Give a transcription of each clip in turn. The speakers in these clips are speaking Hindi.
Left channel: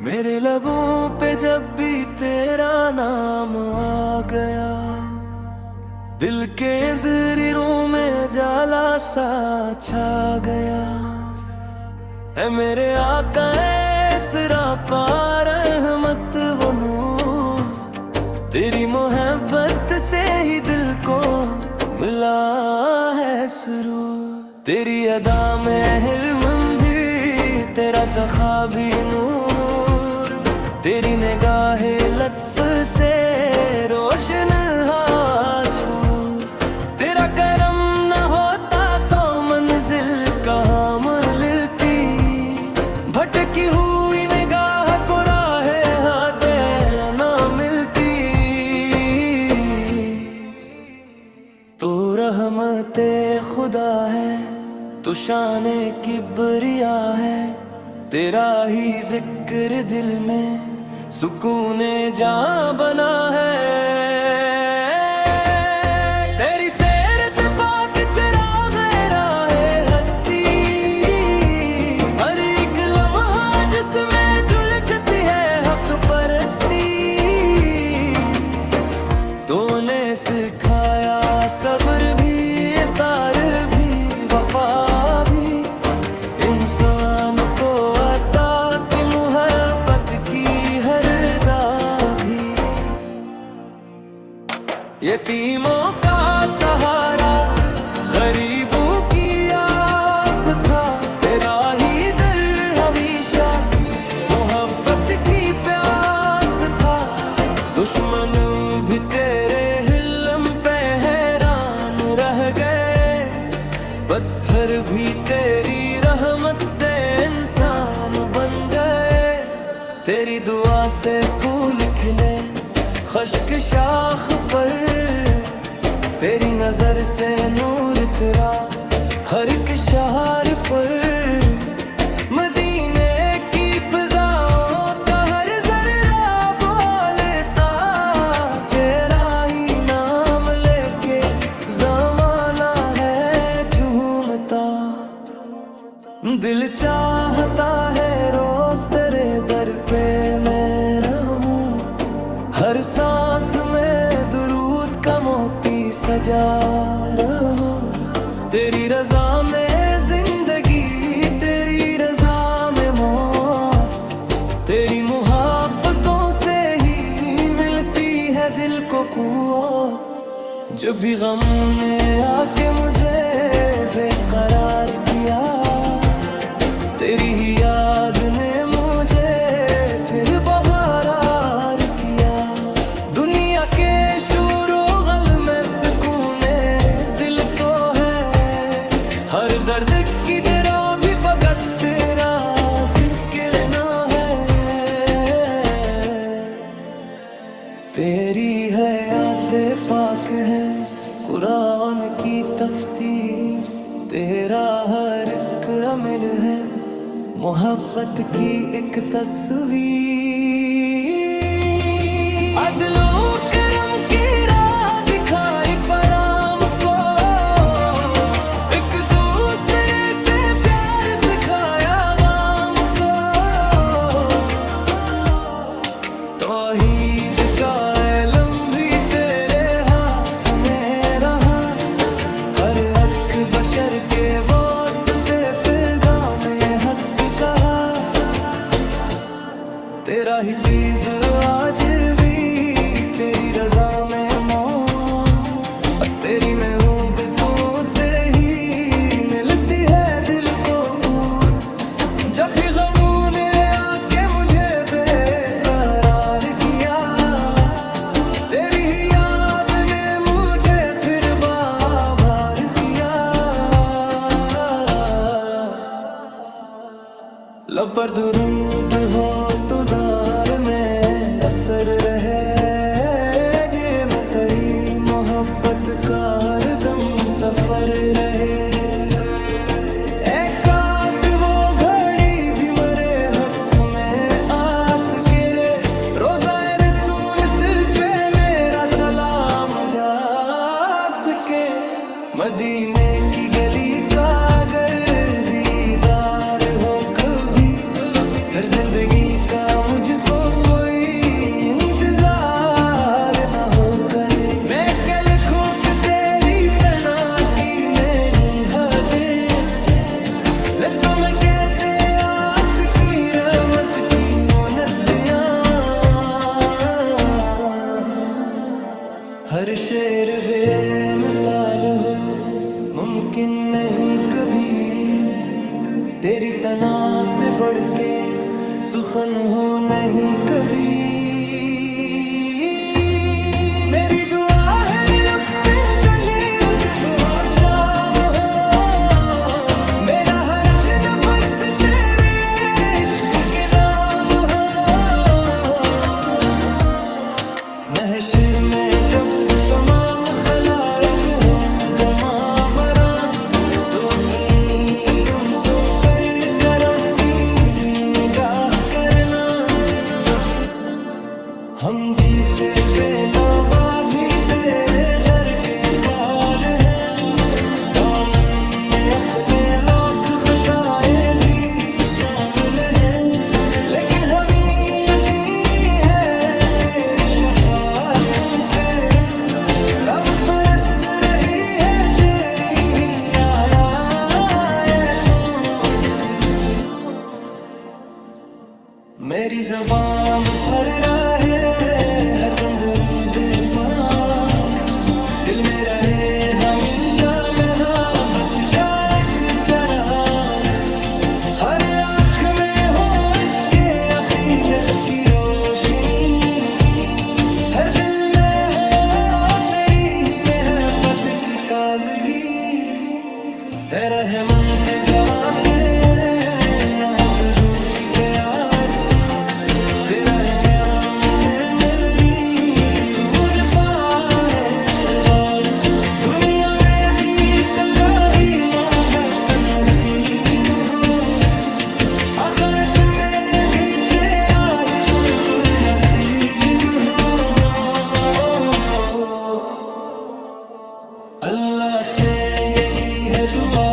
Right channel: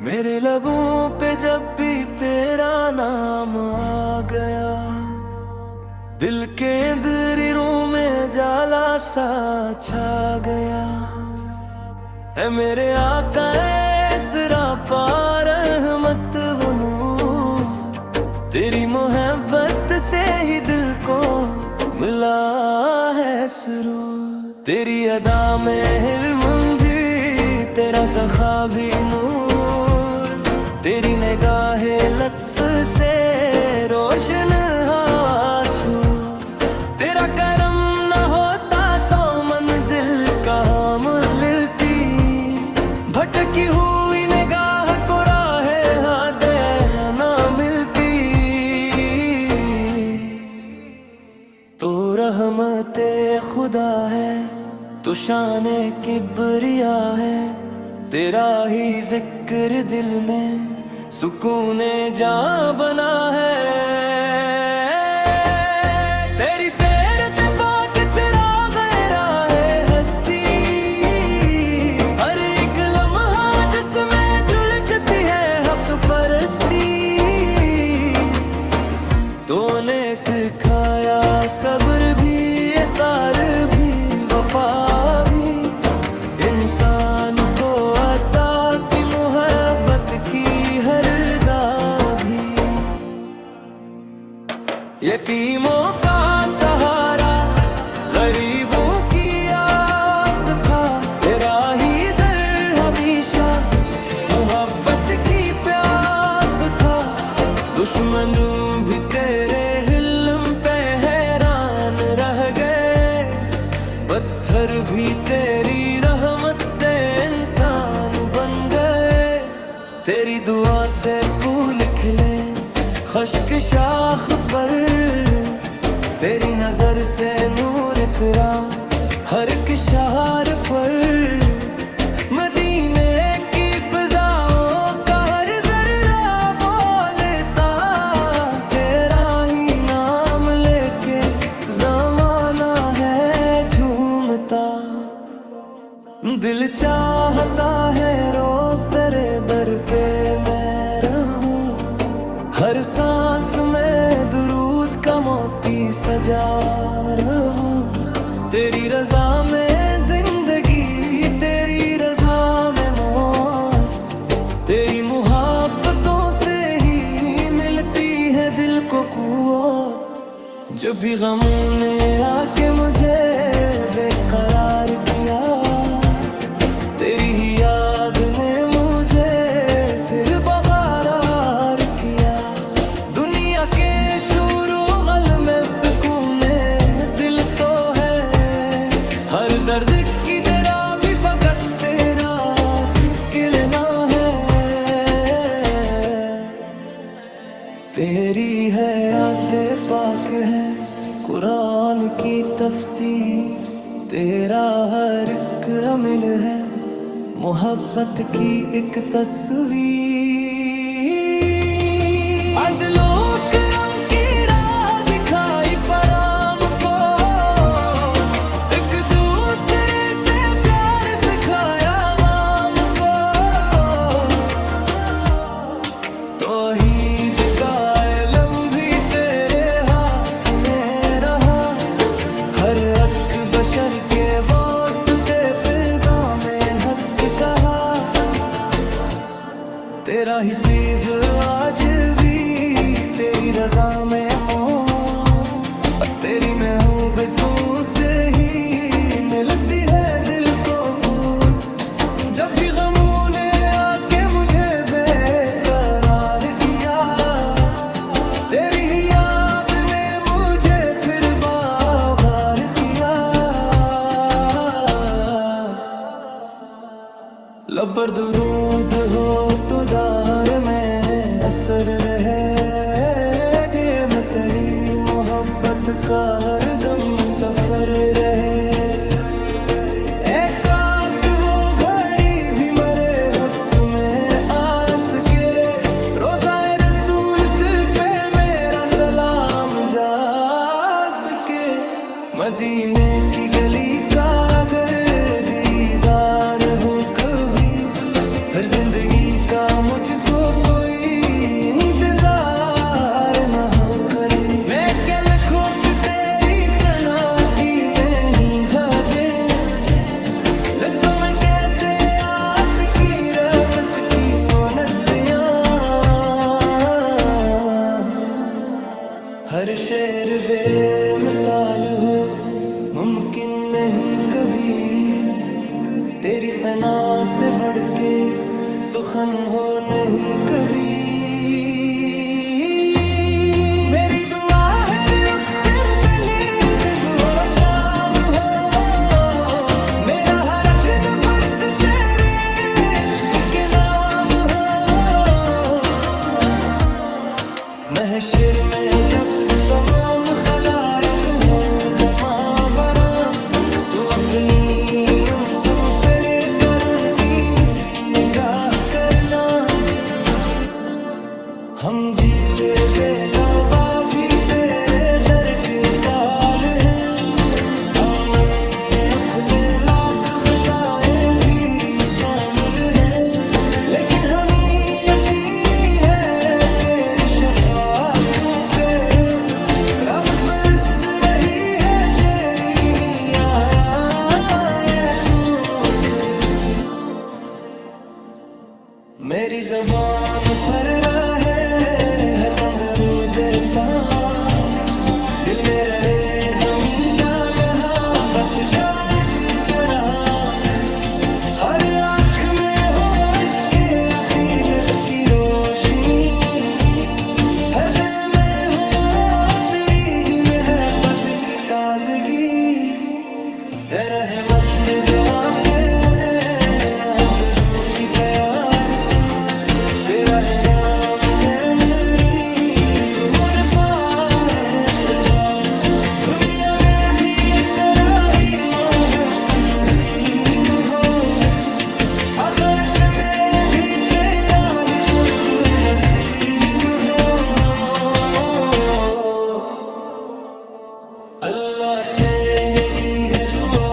मेरे लबों पे जब भी तेरा नाम आ गया, दिल के अंदरों में जाला सा छा गया। है मेरे आका ऐसरा पार रहमत वो नूर, तेरी मोहब्बत से ही दिल को मिला है सुरूर। तेरी अदा में हिल्म भी, तेरा सखा भी नूर, तेरी निगाहे लत्फ से रोशन आंसू। तेरा करम न होता तो मंजिल कहाँ मिलती, भटकी हुई निगाह को राहे हादे न मिलती। तू रहमते खुदा है, तू शाने किबरिया है, तेरा ही जिक्र दिल में सुकूने जां बना है। तेरी सेरत पाक चिराग राहे हस्ती, हर एक लम्हा जिसमें झलकती है हक परस्ती। तूने सिखाया सब्र भी, इफ़्तार भी, वफा भी, इंसान को अता की मोहब्बत की हर दा भी। यतीमों का सहारा, गरीबों की आस था, तेरा ही दर हमेशा मोहब्बत की प्यास था। दुश्मन भी तेरे हिल्म पे हैरान रह गए, पत्थर भी तेरी रहमत से इंसान बन गए। तेरी दुआ से फूल खिले खश्क शाख पर, तेरी नजर से नूर इतरा हर एक शहर पर। मदीने की फिजाओं का हर जर्रा बोलता, तेरा ही नाम लेके जमाना है झूमता। दिल चाहता है रोज तेरे दर पे मैं रहूं, हर सांस में दुरूद का मोती सजा रहूं। तेरी रजा में जिंदगी, तेरी रजा में मौत, तेरी मोहब्बतों से ही मिलती है दिल को कुव्वत। जब भी गमों ने आके मुझे बेकरार किया, तेरी ही याद ने मुझे फिर बहारार किया। दुनिया के शोरो गल में सुकूने दिल तो है, हर दर्द की दरा भी फकत तेरा सिकलना है। तेरी हयाते पाक है कुरान की तफसीर, तेरा हर एक रमिल है मोहब्बत की एक तस्वीर। अदलो करम की राह दिखाई पराम को, एक दूसरे से प्यार सिखाया वाम को। तौहीद का इल्म भी तेरे हाथ में रहा, हर हक बशर के वास्ते पैगामे हक कहा। तेरा ही फीज आज भी तेरी रजा में मौत, तेरी महबूबतों से ही मिलती है दिल को कूत। जब भी गमों ने आके मुझे बेकरार किया, तेरी ही याद ने मुझे फिर बाभार किया। लब पर दुरूद हो तो दार में असर रहे, ये मैं तेरी मोहब्बत का हर दम सफर रहे। ए काश वो घड़ी भी मरे हक में आस के, रोज़ाए रसूल सिर पे मेरा सलाम जा सके। मदीने की गली का अगर दीदार हो कभी, फिर जिंदगी का मुझको कोई इंतजार न हो कर। मैं क्या लिखूं कि तेरी सना की नहीं हदें, लफ्ज़ों में कैसे आस की रहमत की वो नदियाँ। हर शेर बेमिसाल हो, मुमकिन नहीं कभी तेरी सना से बढ़ के सुखन हो नहीं कभी। मेरी दुआ है निरुक्सिन कली सुबह हो शाम हो, मेरा हर एक नफस तेरे इश्क के नाम हो। महशर में जब तमाम खलाइक हो जमावरा, तो अपनी उम्मतों पर करम की निगाह करना। हम जी से बेनवा भी तेरे दर के साल हैं, दामन में अपने लाख खताएं भी शामिल हैं, लेकिन हमें यकीनी है तेरी शफाअतों पे रहमत बरस रही है तेरी ही आयतों से। मेरी ज़बान पर रहे हरदम दुरूदे पाक, दिल में रहे हमेशा मोहब्बत का एक चिराग। हर आँख में हो इश्क़े अक़ीदत की रोशनी, हर दिल में हो तेरी ही मोहब्बत की ताजगी। ए रहमत जा से दुरू की प्यार से, तेरा ही नाम है मेरी रूद पाए एतबार। दुनिया में भी तेरा ही मोहब्बत नसीब हो, आखिर पे में भी तेरा ही कुर्ब नसीब हो। अल्लाह से यही है दुआ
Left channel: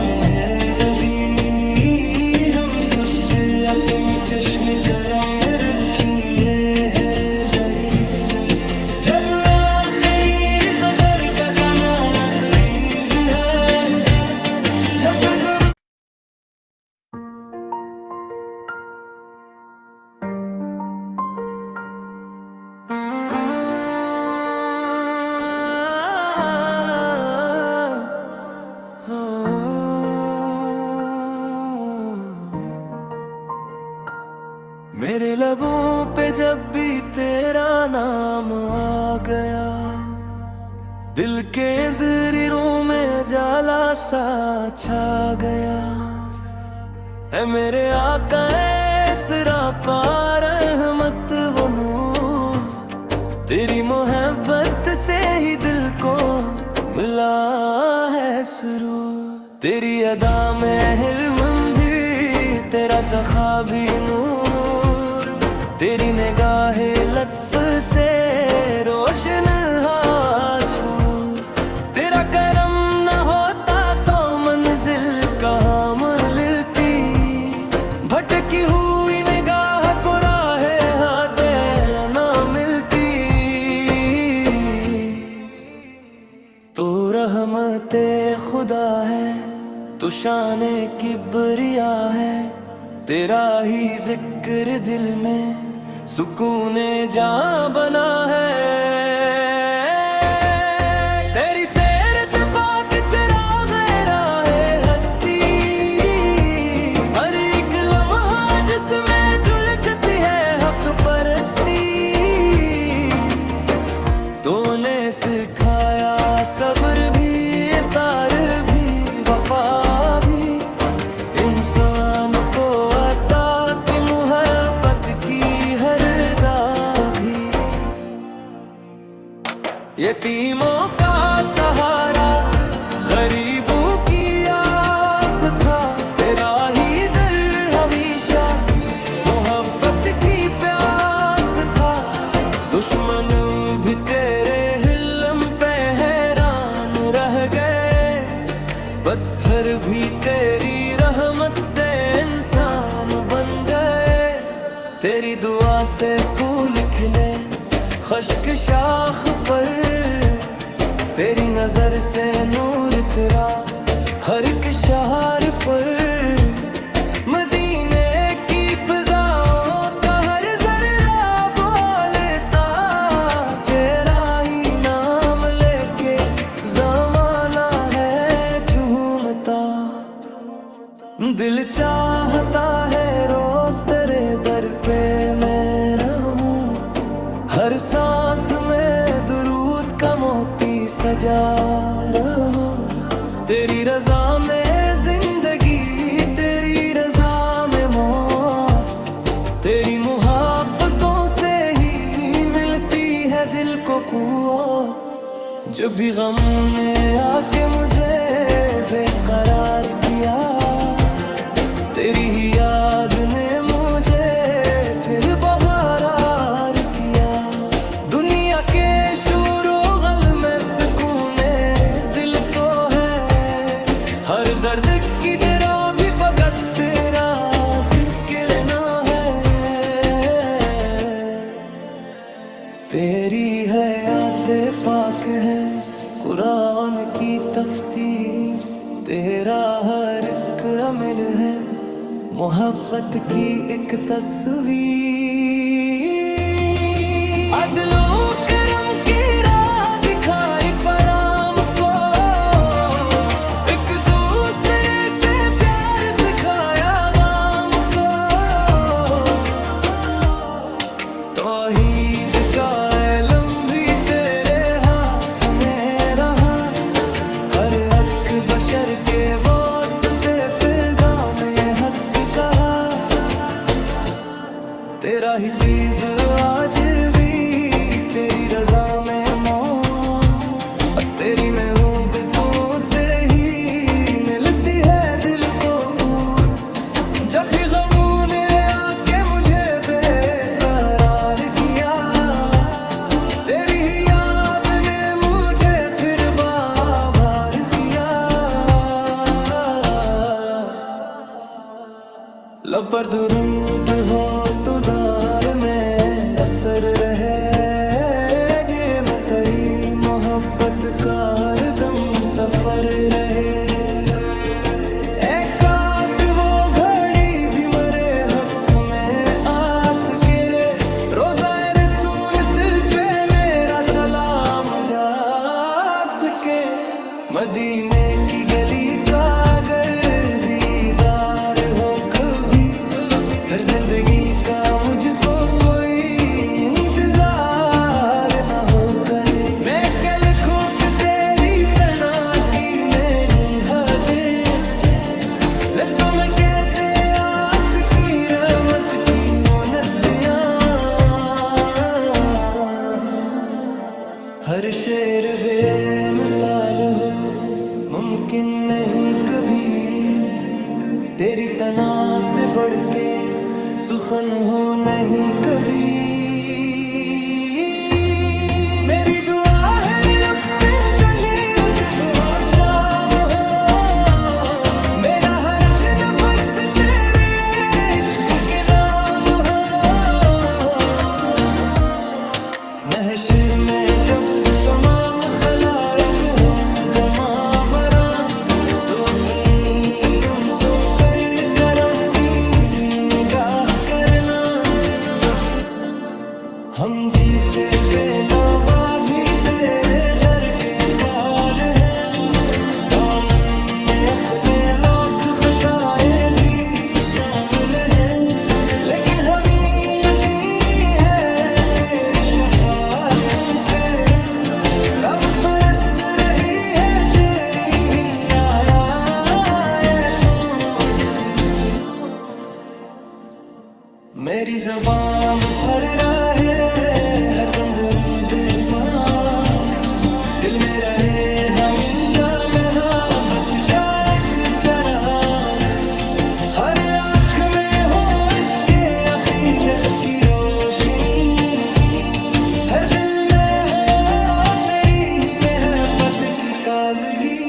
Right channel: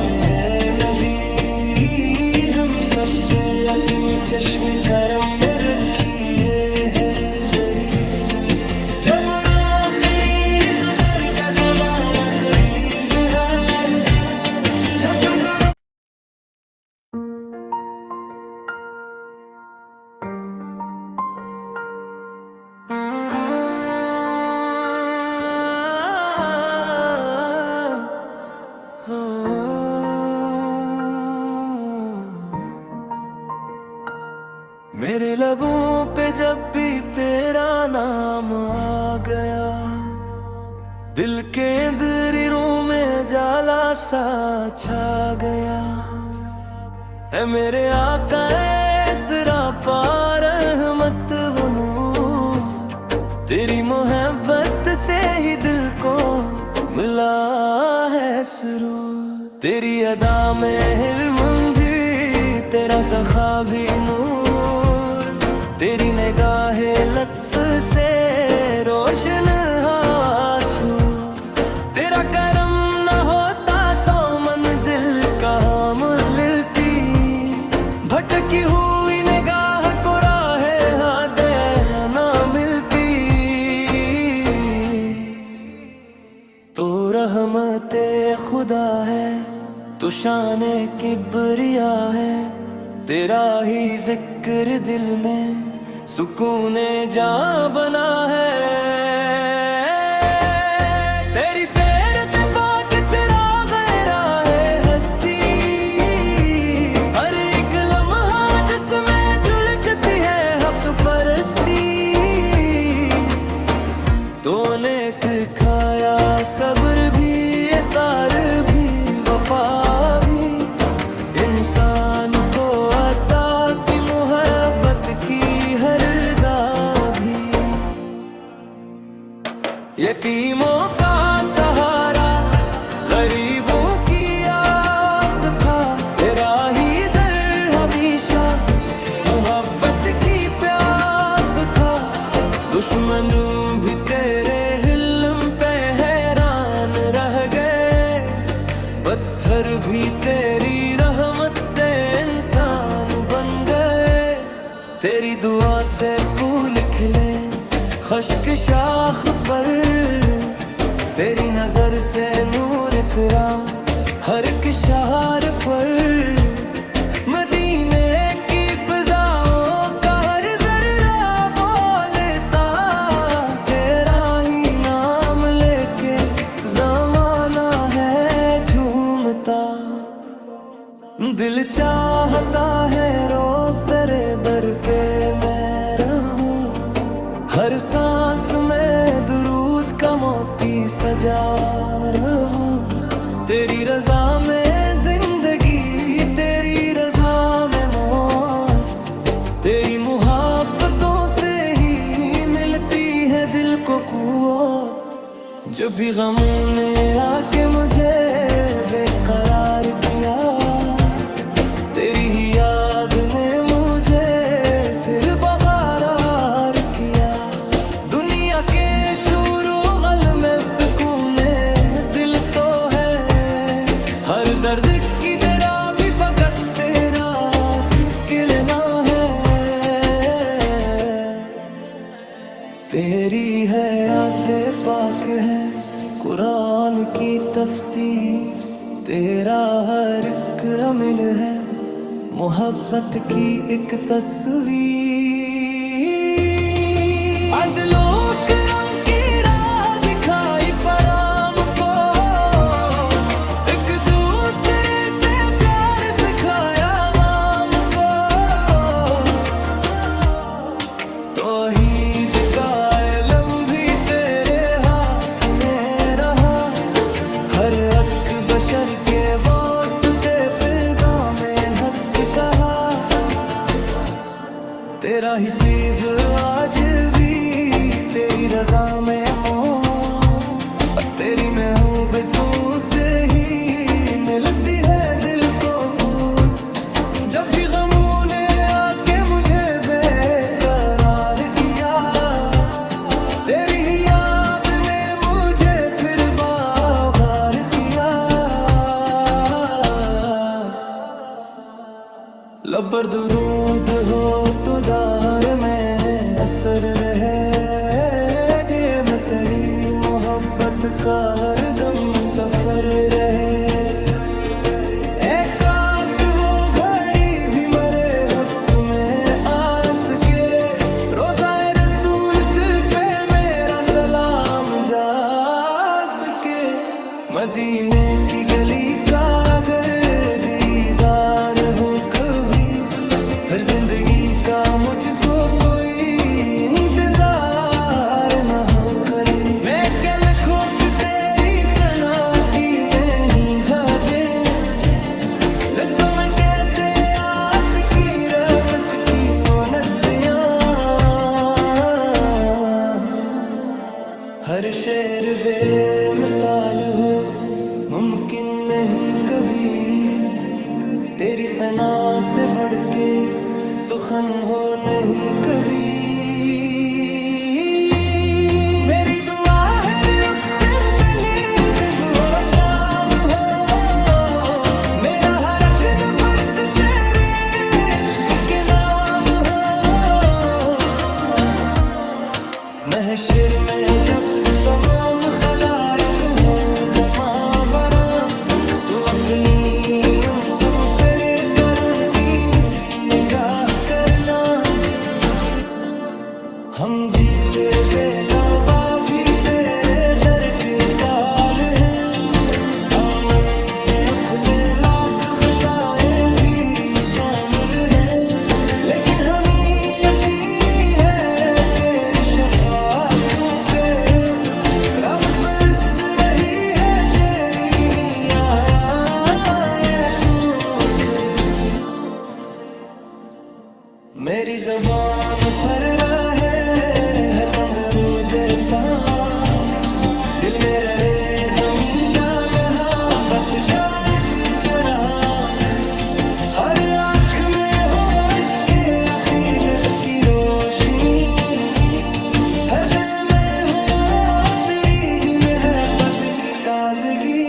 में है नबी, हम सब पे अपनी चश्मे करम में रखी है हर दरी। जब आखिरी सफर का ज़माना करीब है, जब मेरे लबों पे जब भी तेरा नाम आ गया, दिल के अंदरों में जाला सा छा गया। है मेरे आका ऐसरा पार रहमत वो नूर, तेरी मोहब्बत से ही दिल को मिला है सुरूर। तेरी अदा में हिल्म भी, तेरा सखा भी नूर, तेरी निगाहे लत्फ से रोशन आंसू। तेरा करम न होता तो मंजिल कहाँ मिलती, भटकी हुई निगाह को राहे हादे न मिलती। तो रहमते खुदा है, तो शाने किबरिया है, तेरा ही जिक्र दिल में सुकूने जां बना है। तेरी सेरत पाक चिराग राहे हस्ती, हर एक लम्हा जिसमें झलकती है हक परस्ती। तूने सिखाया सब्र भी, इफ़ार भी, वफा भी, इंसान को अता की मोहब्बत की हर दा भी। यतीमों का सहारा, गरीबों की आस था, तेरा ही दर हमेशा मोहब्बत की प्यास था। दुश्मन भी तेरे हिल्म पे हैरान रह गए, पत्थर भी तेरी रहमत से इंसान बन गए। तेरी दुआ से फूल खिले खुश्क शाख पर, तेरी नजर से नूर तेरा हर एक शहर पर। मदीने की फिजाओं का हर जर्रा बोलता तेरा ही नाम लेके जमाना है झूमता। दिल चाहता है रोज तेरे दर पे मैं रहूं, हर सांस में दुरूद का मोती सजा रहूं। तेरी रजा में जिंदगी, तेरी रजा में मौत, तेरी मुहब्बतों से ही मिलती है दिल को कुव्वत। जब भी गमों ने आके मुझे बेकरार किया, तेरी ही याद ने मुझे फिर बहार किया। दुनिया के शोरो गल में सुकूने दिल तो है, हर दर्द की दरा भी फकत तेरा सिकलना है। तेरी हयाते पाक है कुरान की तफसीर, तेरा हर एक रमिल है मोहब्बत की एक तस्वीर। अदलो करम की राह दिखाई पराम को, एक दूसरे से प्यार सिखाया वाम को। तौहीद का इल्म भी तेरे हाथ में रहा, हर हक बशर के वास्ते पैगाम हक कहा। तेरा हिफीज आज भी तेरी रजा में मौत, तेरी महबूबतों से ही मिलती है दिल को कूत। जब भी गमों ने आके मुझे बेकरार किया, तेरी ही याद ने मुझे फिर बाभार किया। लब पर दुरूद हो तो दार में असर रहे, ये मैं तेरी मोहब्बत का हर दम सफर रहे। ए काश वो घड़ी भी मरे हक में आस के, रोज़ाए रसूल सिर पे मेरा सलाम जा सके। मदीने की गली का अगर दीदार हो कभी, फिर जिंदगी का मुझको कोई इंतजार न हो करे। मैं क्या लिखूं कि तेरी सना की नहीं हदें, लफ्ज़ों में कैसे आस की रहमत की वो नदियाँ। हर शेर बेमिसाल हो मुमकिन नहीं कभी, तेरी सना से बढ़ के सुखन हो नहीं कभी। मेरी दुआ है निरुक्सिन कली सुबह हो शाम हो, मेरा हर एक नफस तेरे इश्क के नाम हो। महशर में जब तमाम खलाइक हो जमावरा, तो अपनी उम्मतों पर करम की निगाह करना। हम जी से बेनवा भी तेरे दर के साल हैं, दामन में अपने लाख खताएं भी शामिल हैं। लेकिन हमें यकीनी है तेरी शफाअतों पे रहमत बरस रही है तेरी ही आयतों से। मेरी ज़बान पर रहे हरदम दुरूदे पाक, दिल में रहे हमेशा मोहब्बत का एक चिराग। हर आँख में हो इश्क़े अक़ीदत की रोशनी, हर दिल में हो तेरी ही मोहब्बत की ताजगी।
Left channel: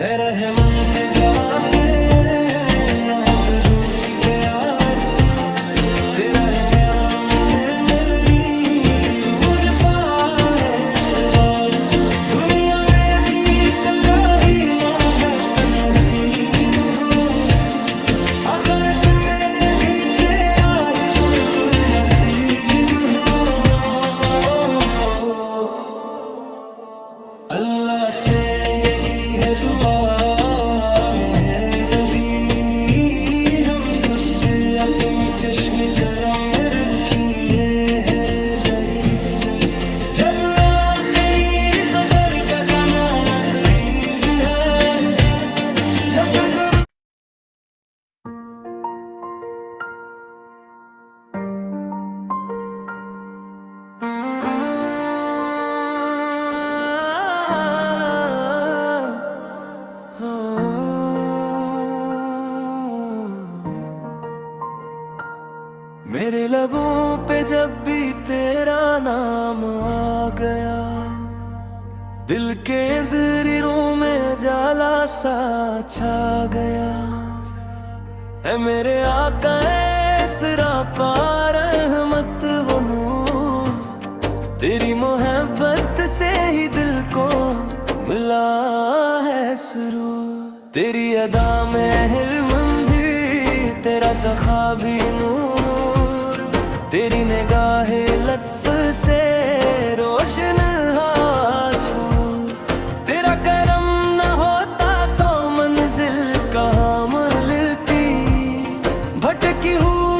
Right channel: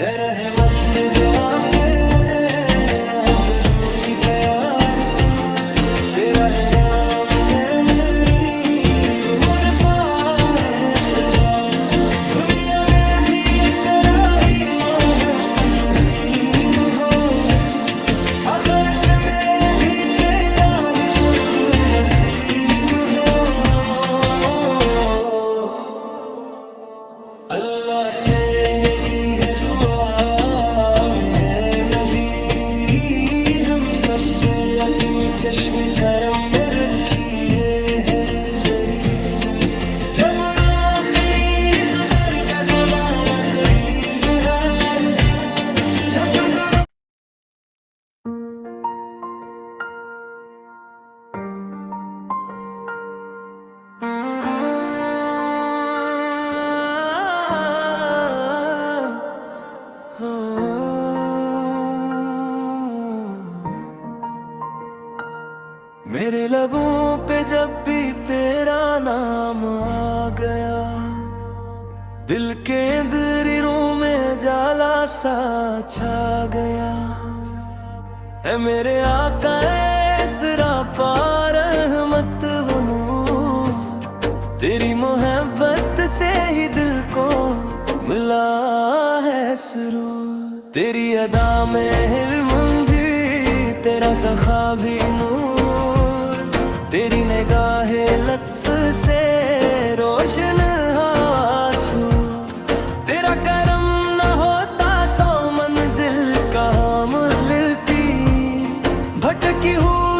रहमत जा से दुरू की प्यार से तेरा ही नाम है मेरी रूद पाए इतबार, दुनिया में भी तेरा ही मोहब्बत नसीब हो, आखिर पे मैं भी तेरा ही कुर्ब नसीब हो। अल्लाह से यही है दुआ में है नबी, हम सब पे अपनी चश्मे करम में रखी है हर दरी, जब आखिरी सफर का ज़माना करीब है, जब मेरे लबों पे जब भी तेरा नाम आ गया, दिल के अंदरों में जाला सा छा गया, है मेरे आका ऐसरा पार रहमत वो नूर, तेरी मोहब्बत से ही दिल को मिला है सुरूर, तेरी अदा में हिल्म भी तेरा सखा भी नूर, तेरी निगाहे लत्फ से रोशन आंसू, तेरा करम न होता तो मंजिल कहाँ मिलती, भटकी हुई